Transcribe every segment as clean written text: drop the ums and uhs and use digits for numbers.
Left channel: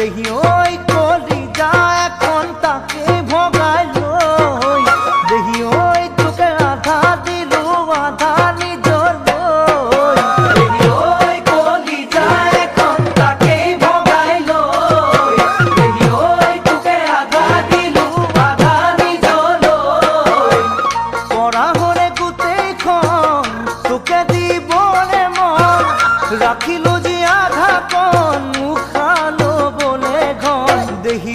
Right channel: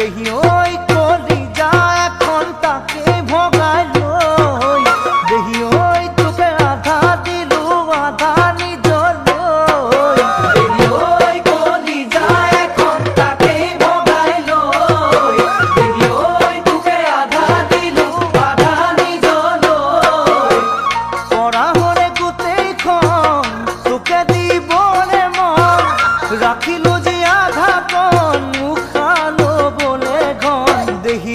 দেহি ওই কলি যা এখন তাকে ভগাই লই দেহি ওই তোকে আধা দিলু আধা নিজর লই দেহি ওই কলি যা এখন তাকে ভগাই লই দেহি ওই তোকে আধা দিলু আধা নিজর লই পড়া হরে গোটেইখন তোকে দিবলে মন রাখিলো যে আধা কণ মুখালো বলে ঘন দেহি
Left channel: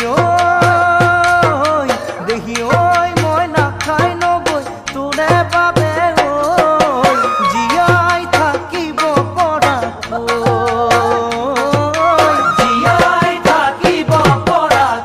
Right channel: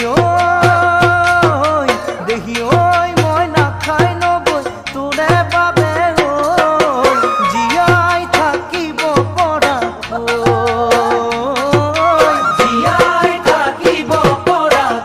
ওই মই নাখাই নবৈ তোৰে বাবে ওই জীয়াই থাকিব পৰাকৈ জীয়াই থাকিব পৰাকৈ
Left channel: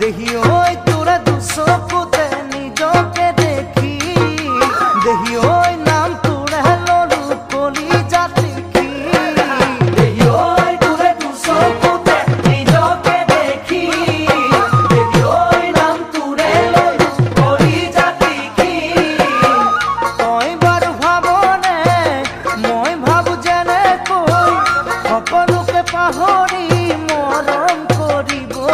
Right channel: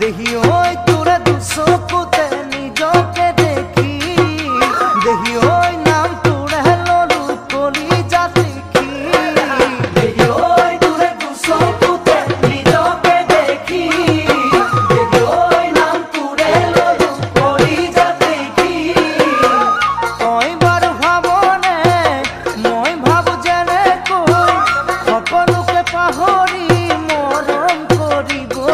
দেহি ওই তোরে দুচকুতে নিজকে দেখি দেহি ওই নাম তোরে ললু কলি জাত লিখি দেহি ওই তোরে দুচকুতে নিজকে দেখি দেহি ওই নাম তোরে ললু কলি জাত লিখি তই বাৰু ভাবনে মই ভাবো যেনেকৈ সকলোকে পাহৰি মৰম কৰিবলৈ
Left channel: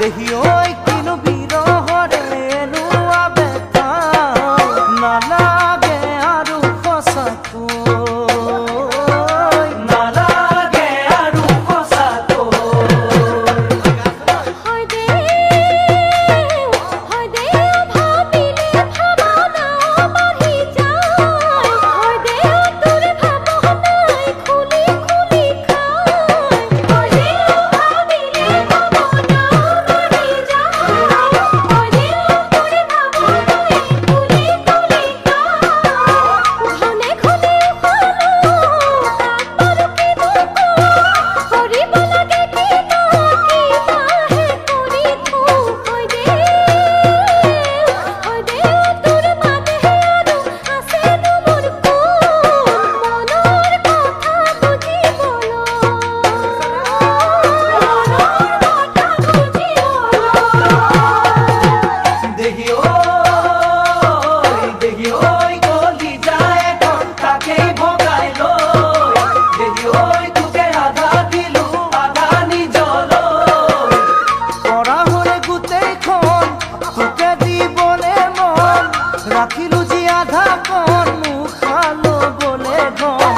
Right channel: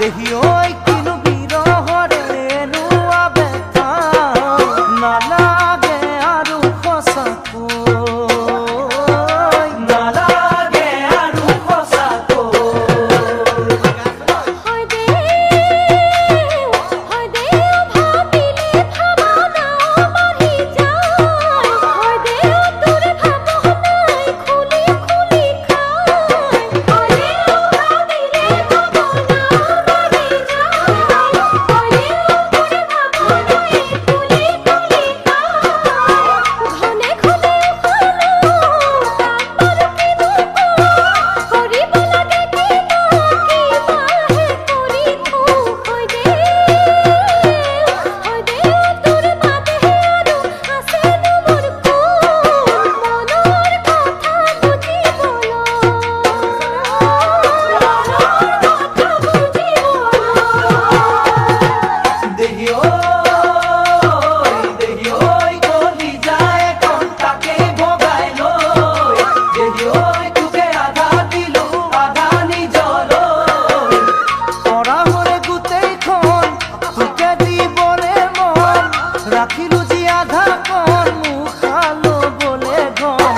দেহি ওই কিনো বিৰহৰে এনুৱা বেথা নালাগে আৰু সঁচাকৈ নালাগে আৰু রাখিলো যে আধা কণ মুখালো বলে ঘন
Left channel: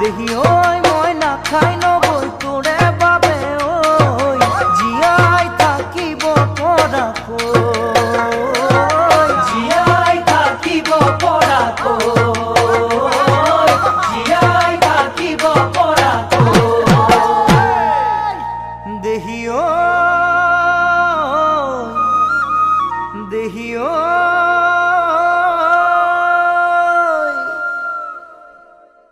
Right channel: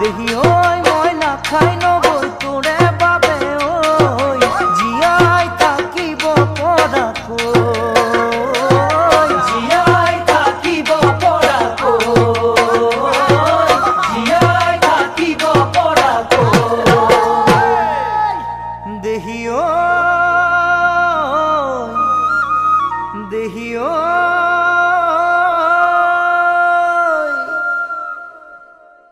দেহি ওই মই নাখাই নবৈ তোৰে বাবে ওই জীয়াই থাকিব পৰাকৈ জীয়াই থাকিব পৰাকৈ জীয়াই থাকিব পৰাকৈ দেহি ওই